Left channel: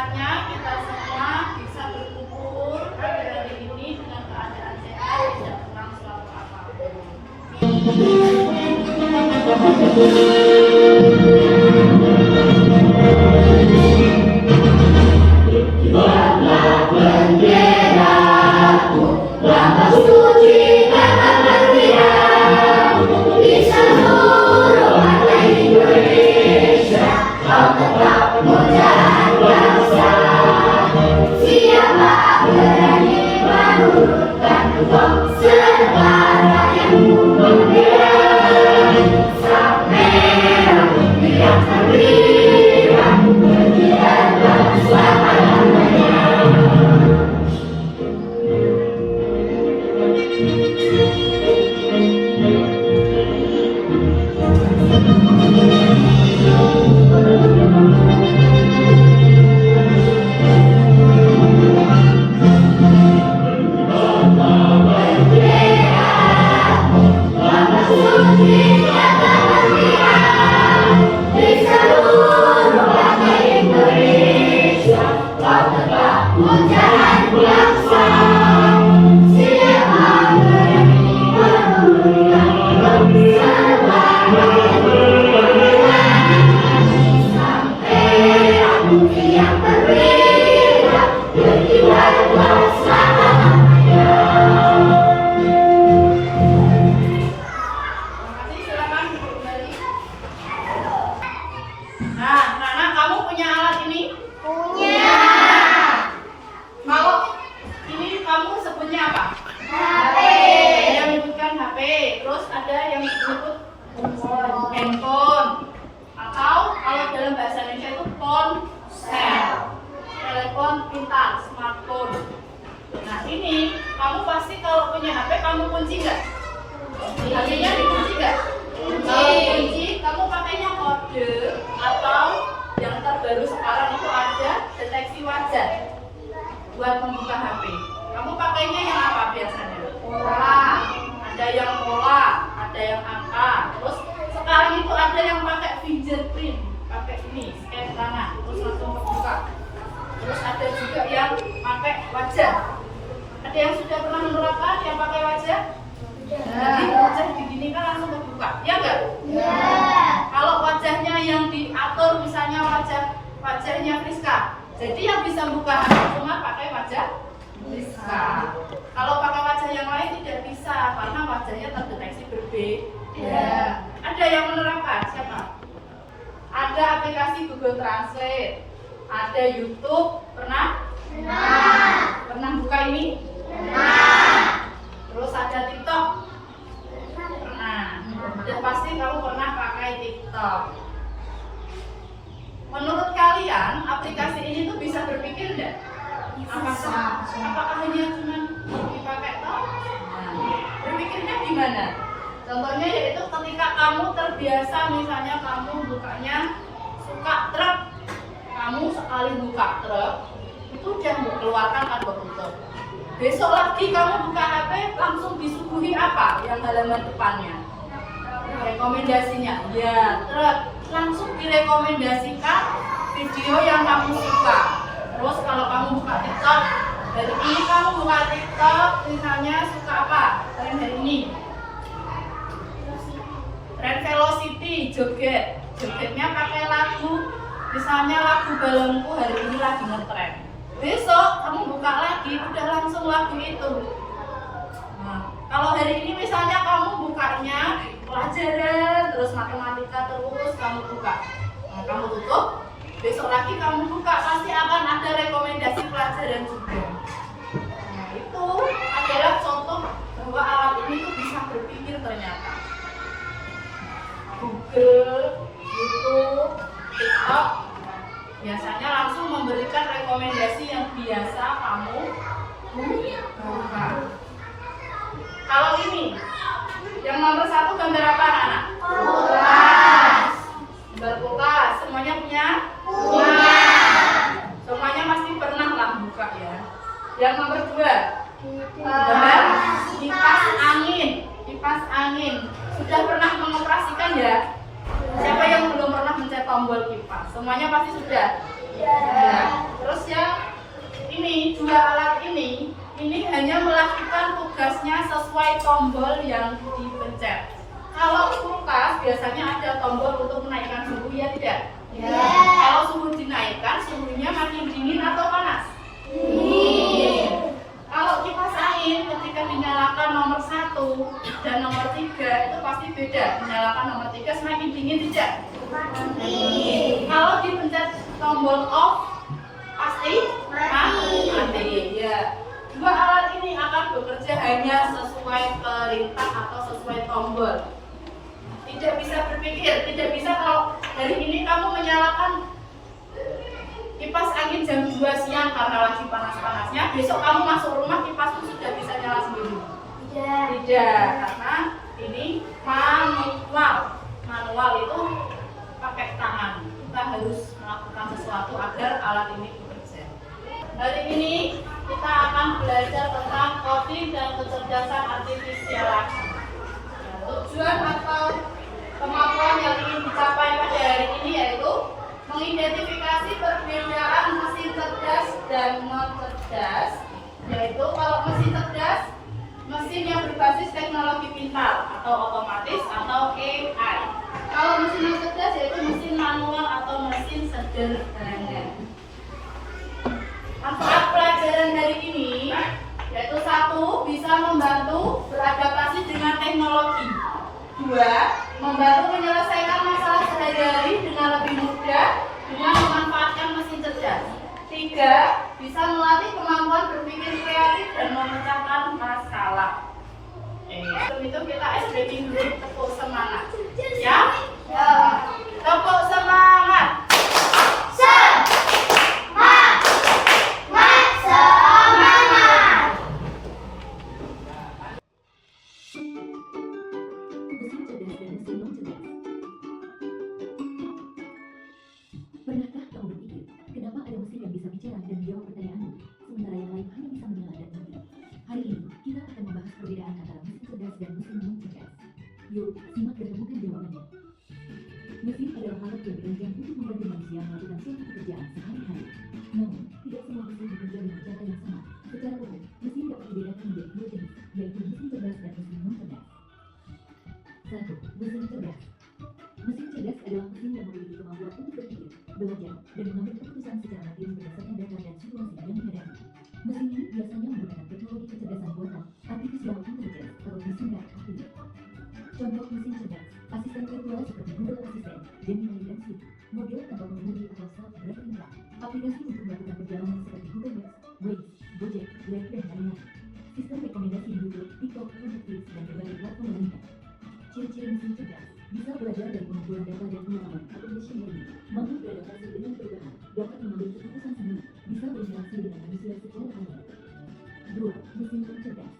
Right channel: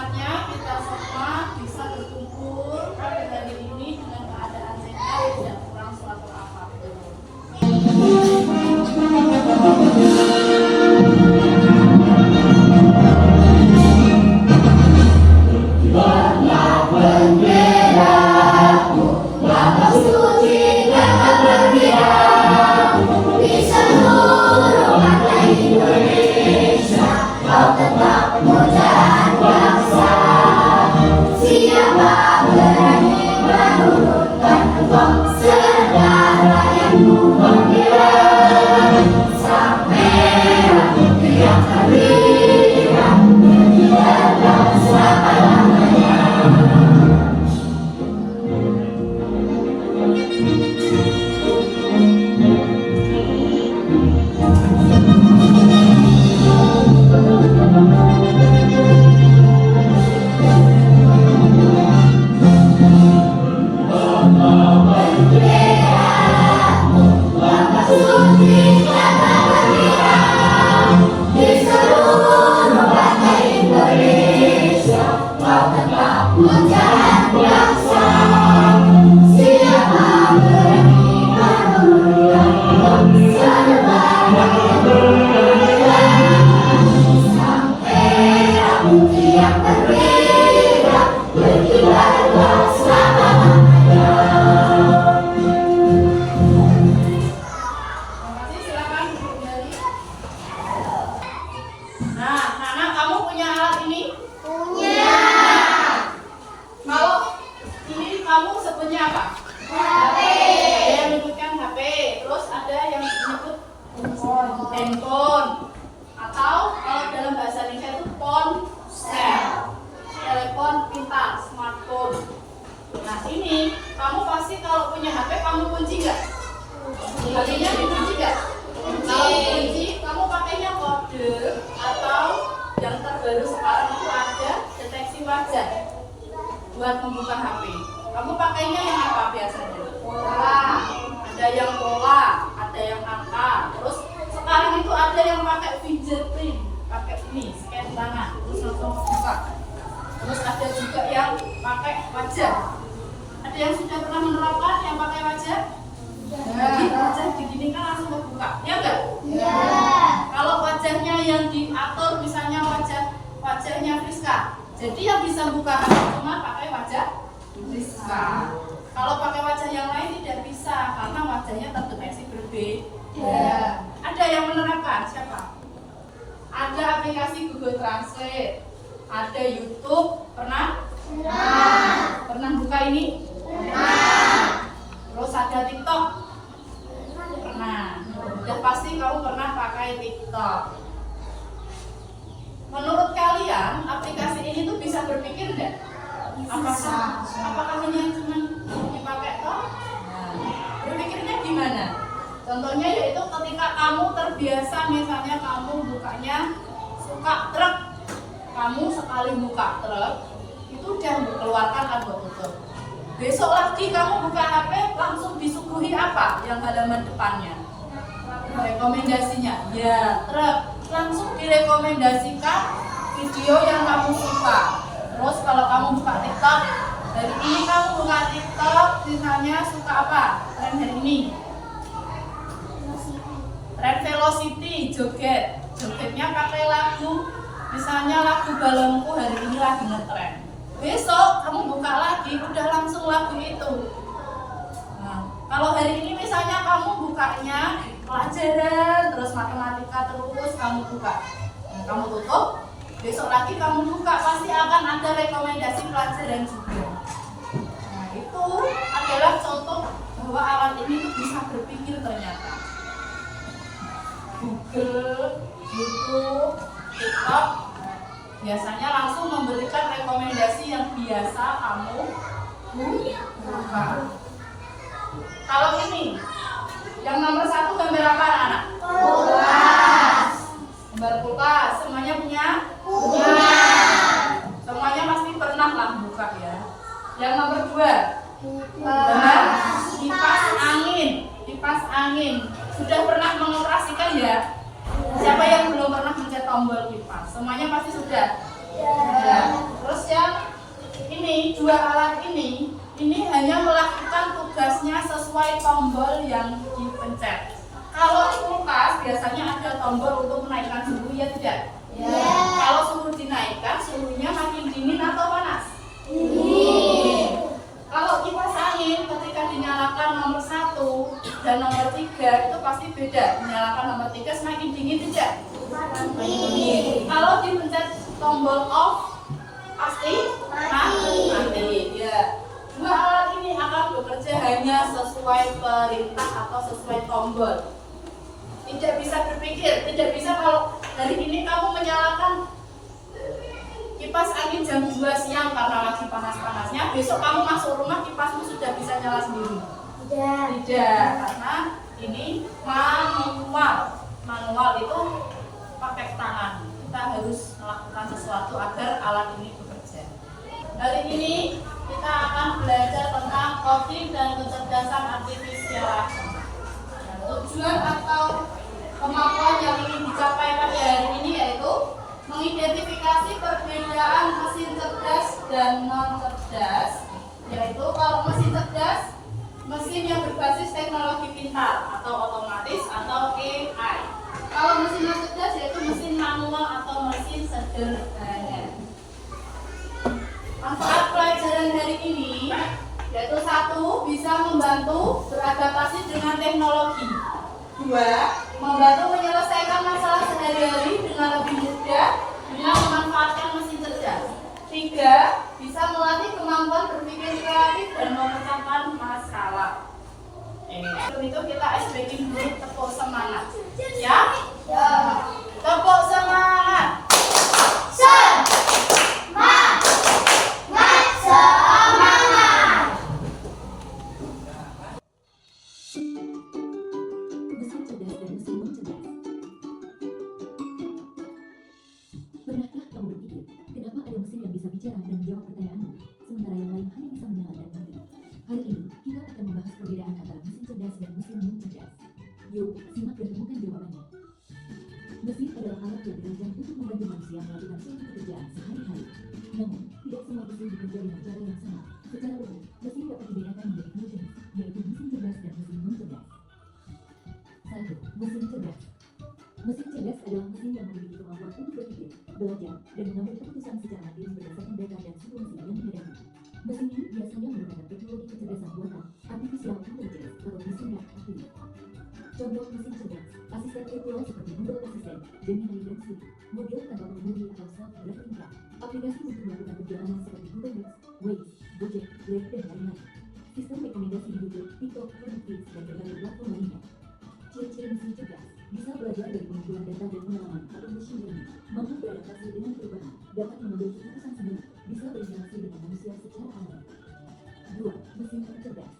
semangatnya kita semua bisa berkumpul pada hari ini dengan keadaan sehat dan tidak kurang suatu apapun. Handphone, atau kalau dalam bahasa Indonesia itu ponsel, telepon pintar, smartphone. Nah ini kamu pasti kalau punya HP kamu kunci nggak? HP-nya dikunci nggak? Kalau kunci kamu pakainya kode atau yang terbaru sekarang itu ada deteksi wajah buat membuka HP. Kamu pakainya yang apa biasanya? Pola. Ada yang pola, ada yang angka. Terus sekarang itu ada yang pakai fingerprint, pakai ini, scan tangan, terus langsung terbuka. Terus ada juga yang pakai wajah. Ada yang sudah pernah menerapkan yang pakai wajah? Jadi wajah begini kan langsung terbuka, ya enggak? Ya. Kalau wajahnya yang diatur, misalnya wajahnya Friska, jadi yang bisa buka cuma pakai wajah Friska. Kalau pakai wajah yang lain tidak bisa karena wajahnya terdeteksi berbeda. Ada yang menerapkan siapa? Ada aplikasi Google Translate, ada YouTube, pernah? Pernah buka ini? Terus ada TikTok, pernah. Sudah pasti kamu pernah pakai TikTok. Menurut kalian aplikasi ini tuh bisa berpikir enggak? Apakah hanya cuma dipakai toh? Berpikirnya gimana? Contohnya yaitu ketika kamu terbiasa, misalnya kamu bukanya suka truk, kamu sekali buka truk itu udah mengeluarkan kartu tutup. Besok lagi kamu buka HP langsung disuguhi apa? Yang halaman depannya rekomendasinya, ya truk, langsung direkomendasikan video yang kamu suka. Terus kalau kamu buka TikTok, hari ini kamu buka TikTok, misalnya suka apa? Tren hari ini tren velocity, jogetnya pakai lagu, misalnya lagu Balonku hari ini lagi ngetren. Besok kamu buka lagi, udah langsung lagu itu. Nah, kalau hari ini misalnya kamu bukanya pelajaran, terus matematika terus kamu buka, nah, kamu tutup, besok lagi kamu buka pasti akan ada rekomendasi pelajaran juga. Nah, itu adalah contoh bahwa alat ini tuh bisa berpikir ternyata. Google, YouTube, TikTok biasanya langsung memberikan rekomendasi yang biasa kamu buka. Kalau ini yang nomor 1 gambar apa anak? Kulkas. Gambar kulkas, semuanya punya? Punya. Semuanya pasti pernah lah buka ya. Yang nomor 2 gambar kipas angin. Kipas angin. Sudah pernah mengoperasikan ya? Siapa yang belum pernah mencet tombol kipas? Semuanya pasti sudah? Ya. Terus yang ini, dua alat ini hanya melakukan tugasnya sesuai tombol yang dipencet. Kalau kulkas biasanya ada tombol untuk menaikkan suhu, ya tidak? Ya. Kalau suhu dinaikkan, suhunya makin dingin atau panas? Dingin. Kalau kipas angin ketika dinyalakan nomor 1 dan nomor 3 itu pasti beda. Dinyalakan nomor 3 semakin dingin tidak? Dingin. Kalau dipencet tombol off pasti mati. Ya. Dua alat ini akan bekerja hanya sesuai perintah atau sesuai tombol. Tidak bisa berpikir, tidak bisa kalau hari ini kamu menyalakan kipas angin jam 2 siang karena lagi panas-panasnya, besok kamu masuk rumah kipasmu sudah bisa nyala sendiri. Tidak, karena ini manual. Manual itu pakai tangan. Kita harus melakukan sesuatu agar alat ini bekerja. Hari ini kita akan belajar tentang coding dan kecerdasan artifisial. Tujuan atau kemampuan yang ingin dicapai pada hari ini yaitu mengidentifikasi perbedaan mesin cerdas dan non cerdas. Yaitu kalau mesin cerdas, mesin yang berbasis teknologi pintar atau otomatis atau AI. Kalau mesin non cerdas yaitu mesin manual atau mesin sederhana. Manfaat pelajaran hari ini yaitu 1. Bisa membantu beradaptasi dengan teknologi. 2. Membantu menyelesaikan masalah sehari-hari dengan lebih mudah dengan memanfaatkan mesin cerdas. 3. Bisa melatih kemampuan berpikir kreatif dan memecahkan masalah. Sebelum itu kita ice breaking dulu, tepuk semangat. Ya? Tepuk semangat. Pernahkah kamu berpikir, kenapa ada mesin yang bisa bicara dan menjawab pertanyaanmu, sementara yang lain hanya bisa mendengar dan mengerti? Hari ini, kita akan membahas perbedaan antara mesin cerdas dan mesin non cerdas. Yuk, simak dan temukan jawabannya. Mesin adalah alat yang dirancang untuk membantu manusia melakukan suatu pekerjaan sehari-hari. Namun, tidak semua mesin bekerja dengan cara yang sama. Secara umum, mesin dapat dibedakan menjadi dua jenis, yaitu mesin cerdas dan mesin non cerdas. 1. Mesin cerdas. Mesin cerdas adalah mesin yang memiliki kemampuan untuk berpikir, belajar, dan mengambil keputusan secara mandiri berdasarkan data dan situasi yang dihadapi. Mesin ini biasanya menggunakan teknologi kecerdasan buatan, artificial intelligence, atau mesin artificial. Contoh mesin cerdas, asisten virtual seperti Google Assistant, Gemini dan Siri, model tanpa pengemudi atau self-driving car, aplikasi untuk melakukan perjalanan seperti Google Maps, Waze, Gojek, Grab, dan lain-lain. Sistem rekomendasi di YouTube, TikTok, Netflix, dan berbagai platform lainnya. Ciri-ciri mesin cerdas bisa belajar dari pengumpulan data dan pengalaman atau machine learning, mampu beradaptasi dengan perubahan, dapat mengambil keputusan sendiri, bisa berinteraksi dengan manusia secara alami. 2. Mesin cerdas.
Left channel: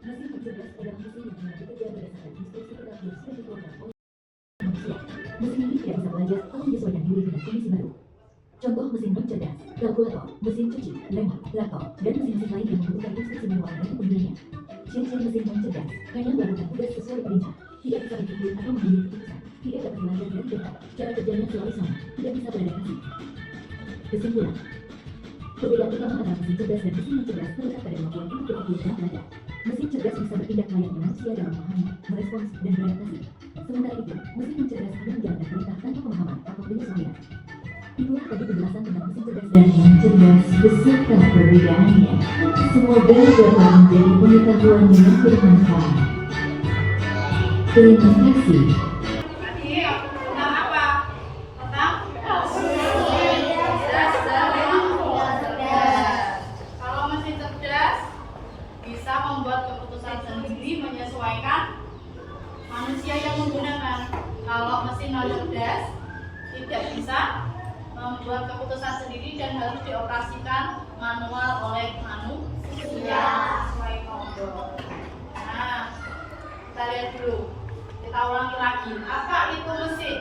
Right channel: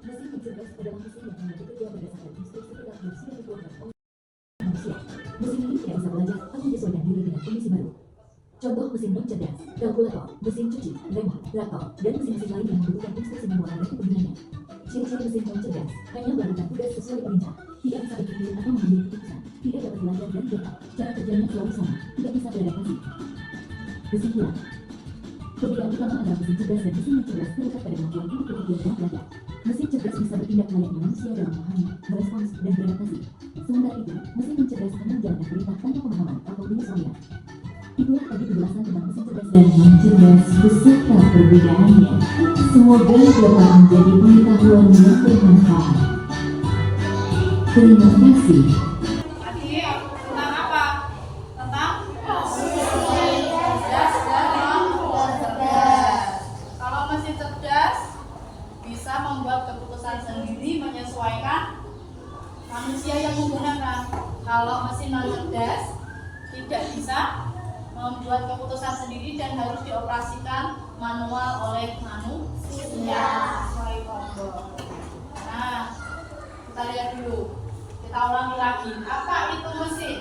Mesin cerdas adalah mesin yang hanya bekerja berdasarkan instruksi tetap yang sudah dikeluarkan oleh manusia. Mesin ini tidak bisa belajar atau menyesuaikan diri dengan kondisi baru. Contoh mesin non cerdas, kalkulator, mesin cuci, remote, traktor, dan mesin-mesin lain yang membutuhkan instruksi manual dari penggunanya. Ciri-ciri mesin non cerdas hanya melakukan tugas sesuai perintah, tidak bisa berpikir atau mengambil keputusan, tidak dapat belajar dan data, cara kerjanya selalu sama, tidak bisa beradaptasi. Kesimpulan, perbedaan utama antara mesin cerdas dan mesin non cerdas terletak pada kemampuan untuk berpikir dan belajar. Mesin cerdas bisa bertindak layaknya manusia dalam memahami, merespons, dan beradaptasi. Sementara itu, mesin non cerdas hanya menjalankan perintah tanpa pemahaman atau penyesuaian. Itulah tadi penjelasan tentang mesin cerdas dan non cerdas beserta perbedaannya. Semoga dapat menjadi pengetahuan yang bermanfaat. Terima kasih. Tadi tentang apa? Tentang cerdas dan non cerdas. Kalau mesin cerdas bisa membuat keputusan sendiri menyesuaikan manusia yang menggunakan. Kalau mesin non cerdas tidak bisa membuat keputusan sendiri dan harus dioperasikan manual oleh manusia sesuai tombol. Nah, kita lihat dulu. Kita ulangi lagi. Apa itu mesin?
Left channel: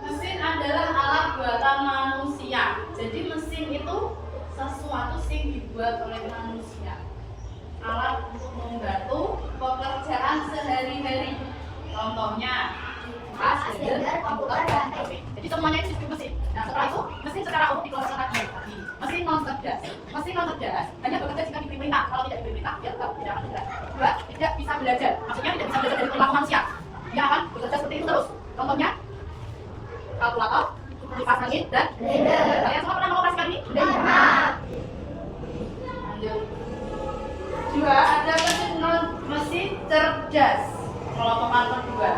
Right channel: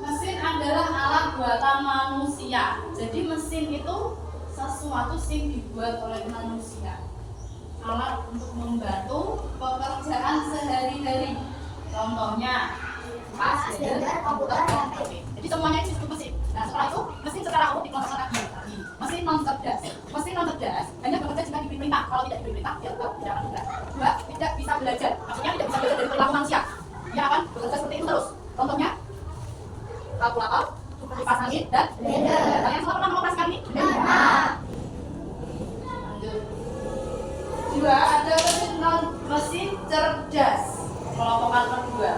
Mesin adalah alat buatan manusia. Jadi mesin itu sesuatu yang dibuat oleh manusia. Alat untuk membantu pekerjaan sehari-hari. Contohnya kipas, komputer, dan HP. Jadi semuanya itu disebut mesin. Nah, setelah itu mesin secara umum dikelompokkan lagi. kalkulator, kipas angin, dan blender. Kalian semua pernah mengoperasikan ini? Pernah. Lanjut. 2. Ada mesin cerdas. Kelompokan kedua.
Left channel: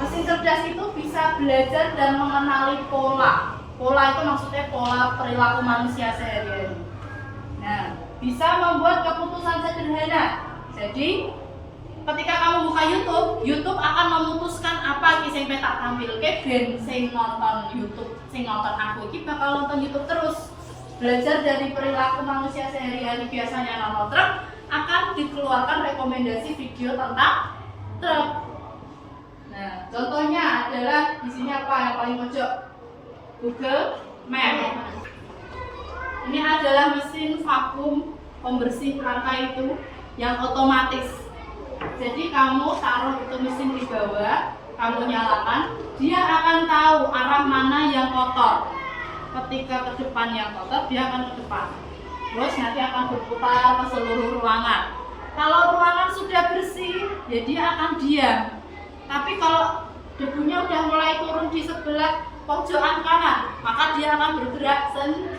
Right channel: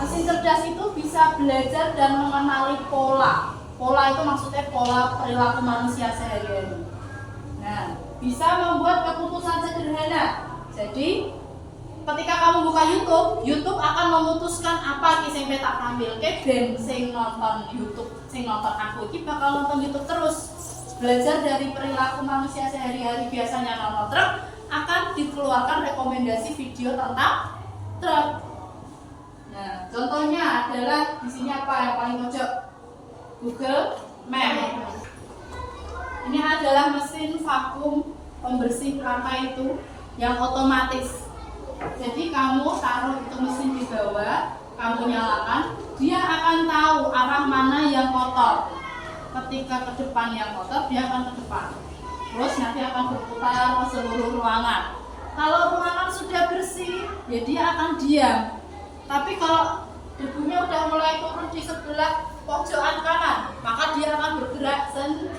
Mesin cerdas itu bisa belajar dan mengenali pola. Pola itu maksudnya pola perilaku manusia sehari-hari. Nah, bisa membuat keputusan sederhana. Jadi, ketika kamu buka YouTube akan memutuskan apa yang tak tampil. Ben sing nonton YouTube, sing nonton aku iki bakal nonton YouTube terus. Belajar dari perilaku manusia sehari-hari, biasanya nonton truk, akan dikeluarkan rekomendasi video tentang truk. Nah, contohnya adalah di sini apa yang paling pojok? Google Map. Ini adalah mesin vakum pembersih lantai itu yang otomatis. Jadi kamu taruh itu mesin di bawah, kamu nyalakan, dia akan tahu arah mana yang kotor. Ketika ke depan yang kotor, dia akan ke depan. Terus nanti akan berputar ke seluruh ruangan. Kalau ruangan sudah bersih, ya dia akan diam. Tapi kalau debunya udah mulai turun di sebelah pojokan kanan, maka dia akan bergerak sendiri.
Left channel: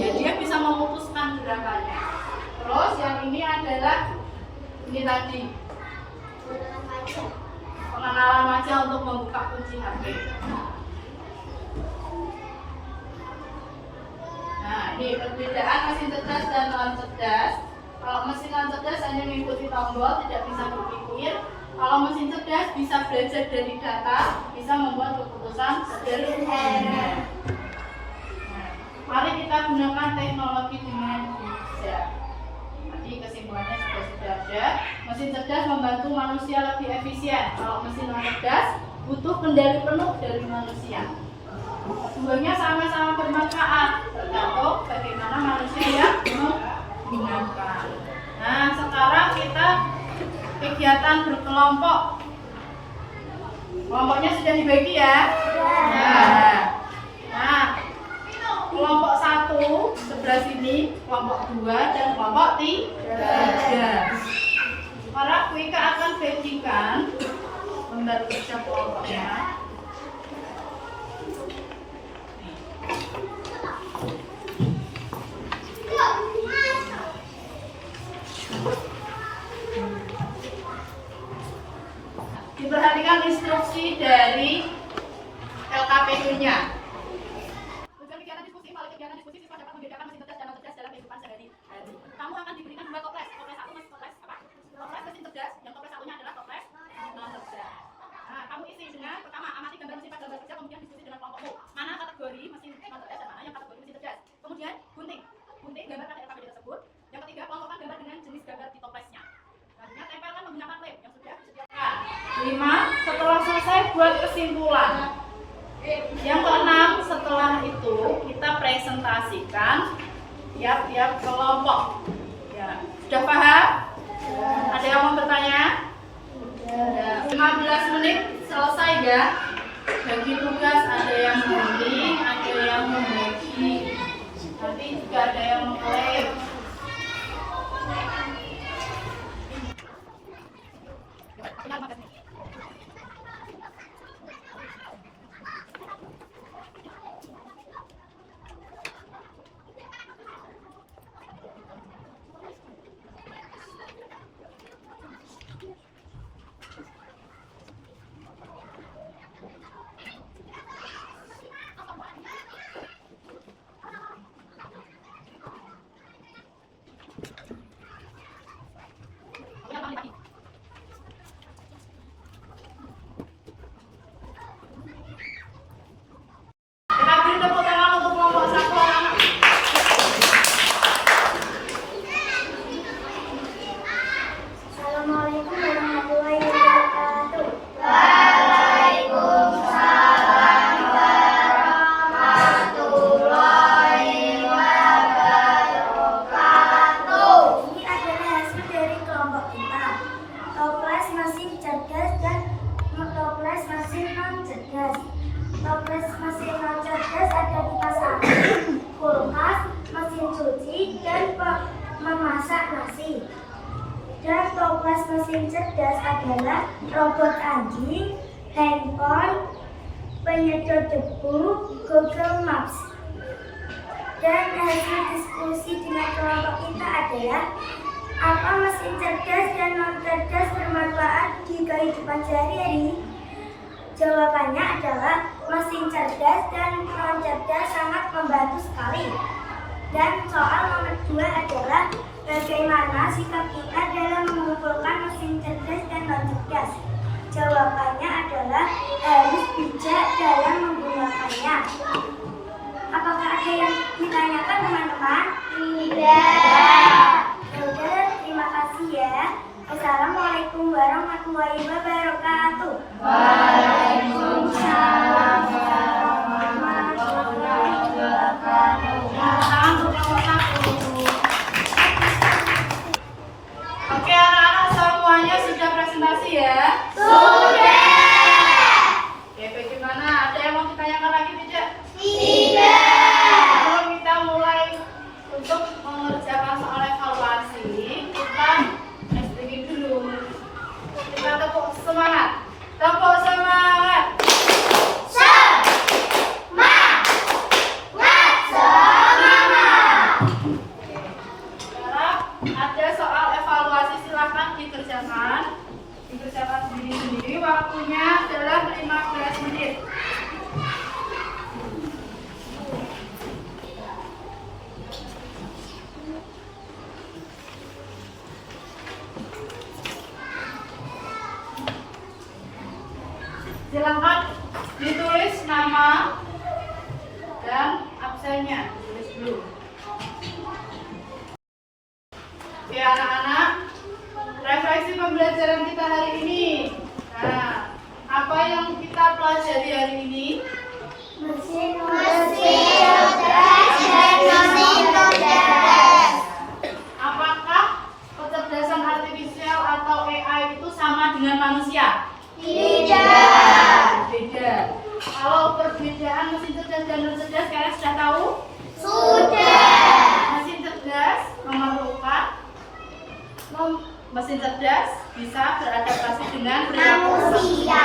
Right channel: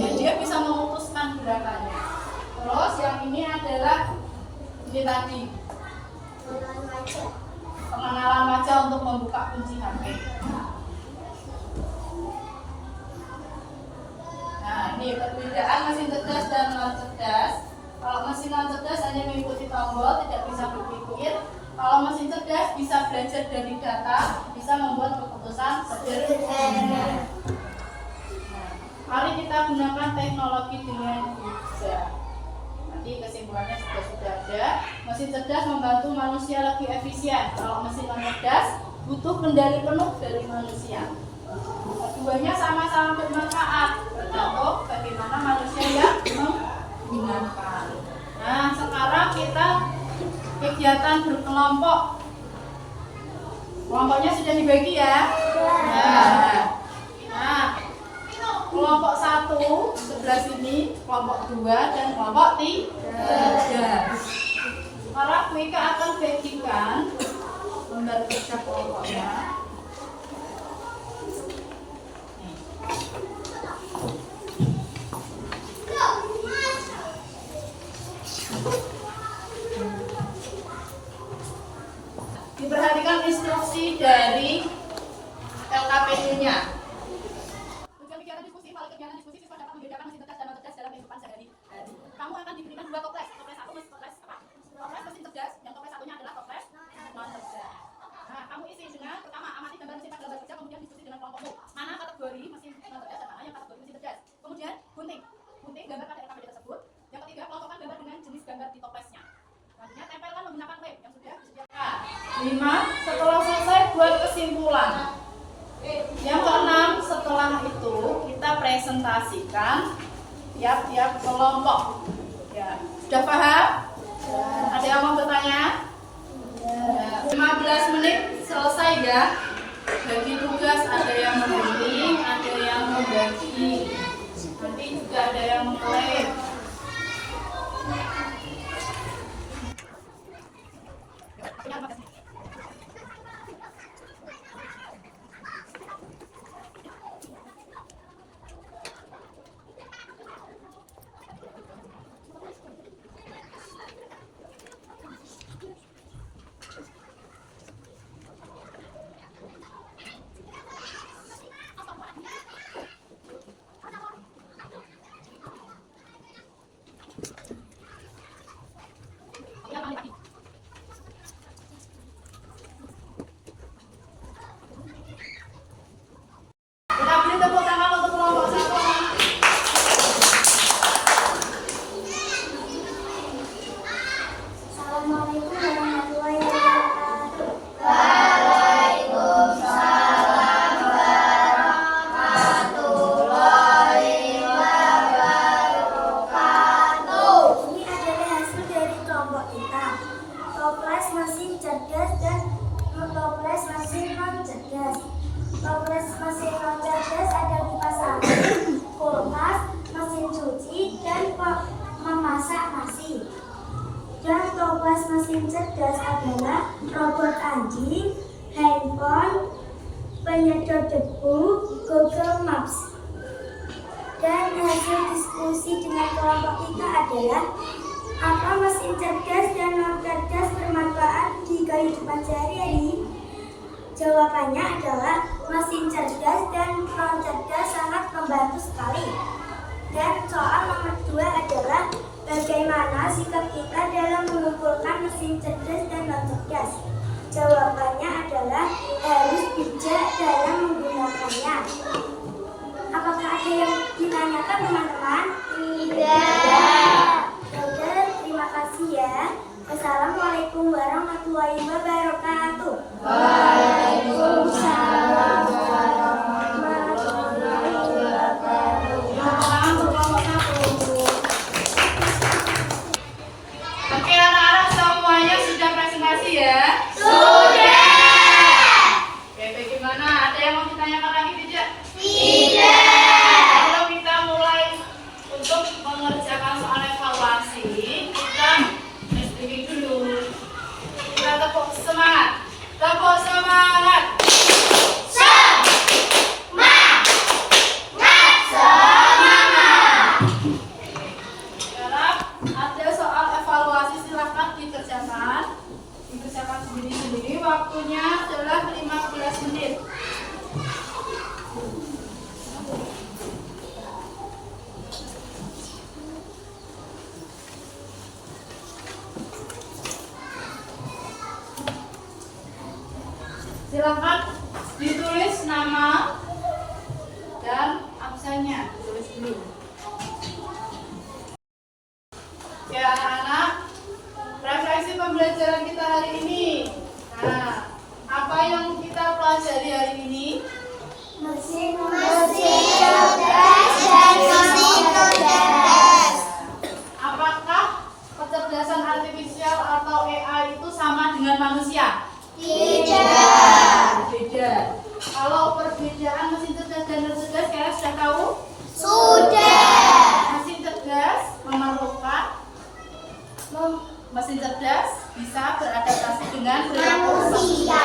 Ya, dia bisa memutuskan gerakannya. Terus yang ini adalah ini tadi pengenalan wajah untuk membuka kunci HP. Nah, ini perbedaan mesin cerdas dan non cerdas. Kalau mesin non cerdas hanya mengikuti tombol, tidak bisa berpikir. Kalau mesin cerdas bisa belajar dari data, bisa membuat keputusan sederhana. Nah, mari kita gunakan teknologi dengan bijak. Nanti kesimpulannya sudah ada. Mesin cerdas membantu manusia lebih efisien. Kalau mesin non cerdas butuh kendali penuh dari manusia. Keduanya sama-sama bermanfaat, tergantung bagaimana manusia yang menggunakan. Nah, sekarang kita kegiatan berkelompok. Kelompoknya sudah dibagi ya? Nah, kelompok 1 sebelah sini, kelompok 2 dan kelompok 3. Sekarang Wika akan bagikan lembar kerja kelompoknya. Diperhatikan instruksi dari LKPD-nya. Tujuan kegiatan diskusi, pada kegiatan diskusi siswa dapat membedakan mesin cerdas dan non cerdas dalam kehidupan sehari-hari. Kamu akan diberikan 2 toples. Toples 1 toples apa? Toples mesin cerdas, yang toples satunya adalah toples non cerdas. Nah, kamu isi dengan pertama amati gambar mesin pada lembar kerja, kemudian diskusi dengan kelompokmu. Mana kategori mesin non cerdas dan mana yang kategori mesin cerdas. Kemudian gunting gambar pada LKPD tersebut. Yang ketiga, kelompokkan gambar dengan jenis gambar di toplesnya. Selanjutnya, tempelkan menggunakan lem yang sudah disediakan. 5. Setelah selesai buat kesimpulan. Yang keenam, setelah itu kita presentasikan tiap-tiap kelompok. Ya, sudah paham? Ya. Ada yang mau bertanya? Ya. 15 menit selesai ya. Bagi tugas, ada yang membimbing, ada yang membagi. Nanti juga ada yang mengklaim. Tepuk tangan untuk kelompok 1 anak-anak. Assalamualaikum warahmatullahi wabarakatuh. Waalaikumsalam warahmatullahi wabarakatuh. Ini adalah hasil dari kelompok kita. Toples mesin cerdas dan toples mesin non cerdas. Toples mesin non cerdas ada di angin, kulkas, mesin cuci, dan memasak nasi. Dan toples mesin cerdas adalah robot anjing, handphone, metode.debu, Google Maps. Dan hasil diskusi dengan kelompok kita adalah apa mesin cerdas dan non cerdas bermanfaat di kehidupan sehari-hari? Jawabannya adalah mesin cerdas dan non cerdas sangat membantu sekali. Dan soal nomor 2 adalah bagaimana sikap kita dalam mengumpulkan mesin cerdas dan non cerdas? Jawabannya adalah harus bijak dalam menggunakannya. Apakah ada yang ditanyakan teman-teman? Tidak. Yaudah, terima kasih ya. Assalamualaikum warahmatullahi wabarakatuh. Waalaikumsalam warahmatullahi wabarakatuh. Tangan untuk kelompok 1. Oke anak-anak semuanya sudah presentasi ya? Sudah. Oke, bagaimana? Ada yang mau ditanyakan lagi tidak? Tidak. Sebelum kita mulai untuk mengerjakan soal evaluasi, kita SDG dulu. Kita tepuk semangat. Tepuk semangat. Sekarang ada soal evaluasi, silakan dikerjakan sendiri-sendiri. Waktunya adalah 15 menit. Silakan ditulis nama dan absennya, tulis dulu. Oke anak-anak, refleksi pembelajaran kita hari ini. Nah, apa yang kita pelajari hari ini? Mesin cerdas dan mesin cerdas. Apakah kecerdasan artifisial atau AI itu sama dengan manusia? Tidak. Beda. Kalau perbedaan mesin cerdas dan non cerdas kalian sudah tahu? Sudah. Mesin cerdas memerlukan mesin cerdas bisa beradaptasi dengan perilaku manusia.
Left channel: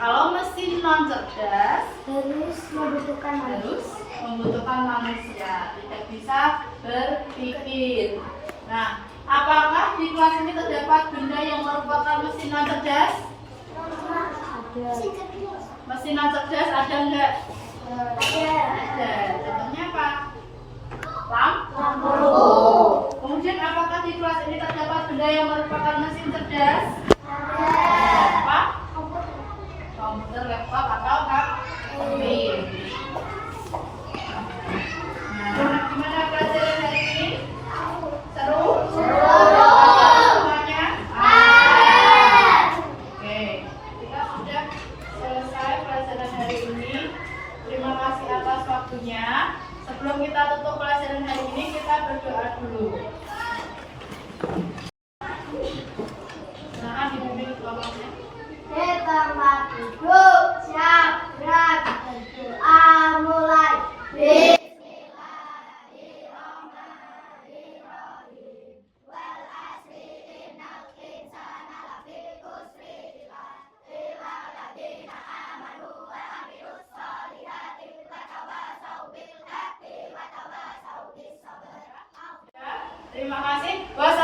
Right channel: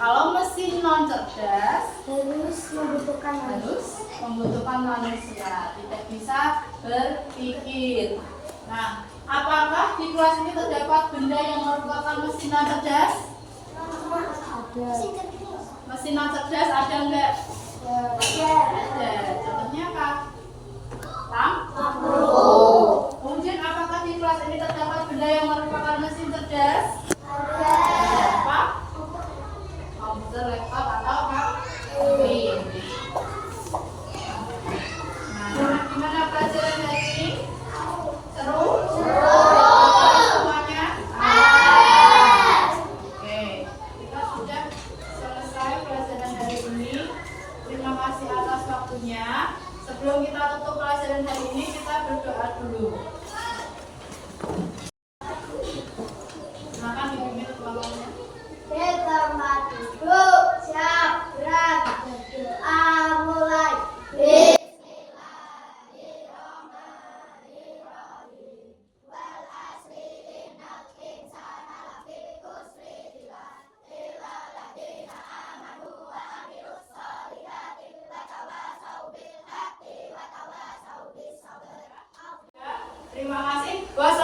Kalau mesin non cerdas harus membutuhkan manusia, tidak bisa berpikir. Nah, apakah di kelas ini terdapat benda yang merupakan mesin non cerdas? Mesin non cerdas ada enggak? Ada. Contohnya apa? Lampu. Kemudian apakah di kelas ini terdapat benda yang merupakan mesin cerdas? Apa? Komputer, laptop atau HP. Nah, gimana pelajaran hari ini? Seru? Semuanya? Oke, kita sudah selesai pelajaran hari ini. Terima kasih atas waktunya. Sebelum kita tutup pelajaran hari ini, kita berdoa dulu. Silakan dipimpin kelompoknya. Di tempat duduk, siap, gerak, berdoa mulai. Terima kasih. Wassalamualaikum